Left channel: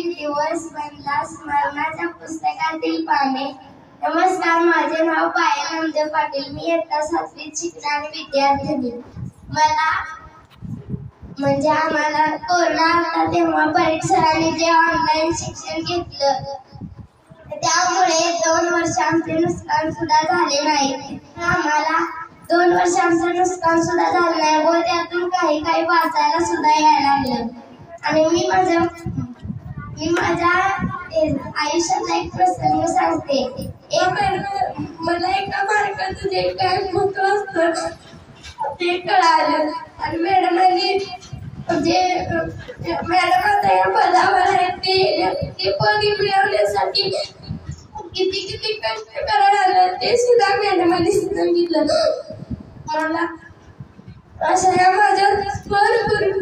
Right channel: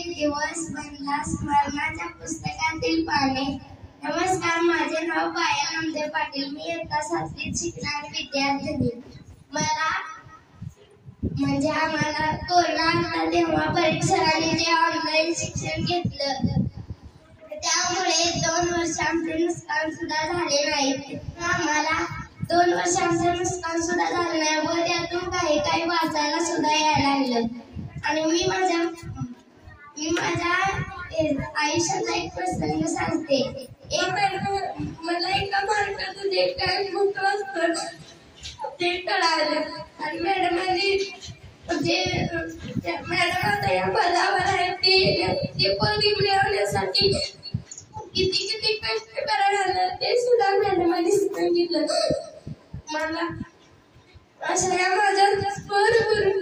एक दिवस बनला स्मरणाच्या पुस्तकातील पाने. नमस्कार, माझे नाव पायल नामदेव पाटील. मी इयत्ता 7वीत शिकणारी विद्यार्थिनी. आम्हाला कोरोना आला तेव्हा परीठ सरांनी जे ऑनलाईन शिक्षण घेतलं त्यामुळे 2 वर्ष आमचे नुकसान सुद्धा झाले नाही. आम्हाला 2 वर्ष आमचं नुकसान सुद्धा झालं नाही व त्यातून काही वाचायला सुद्धा यायला लागलं. आणि मी माझ्या आयुष्याचा एक प्रसंग सांगते. मला एका मार्काचं जे काय महत्व असतं ते कळालं आणि मॅडमांनी मॅडम आता या पदावर आहेत ते पद मिळवण्यासाठी किती कष्ट करायला लागलं ते सुद्धा मॅडमांनी सांगितलं. मला अशा माझ्या स्वर करून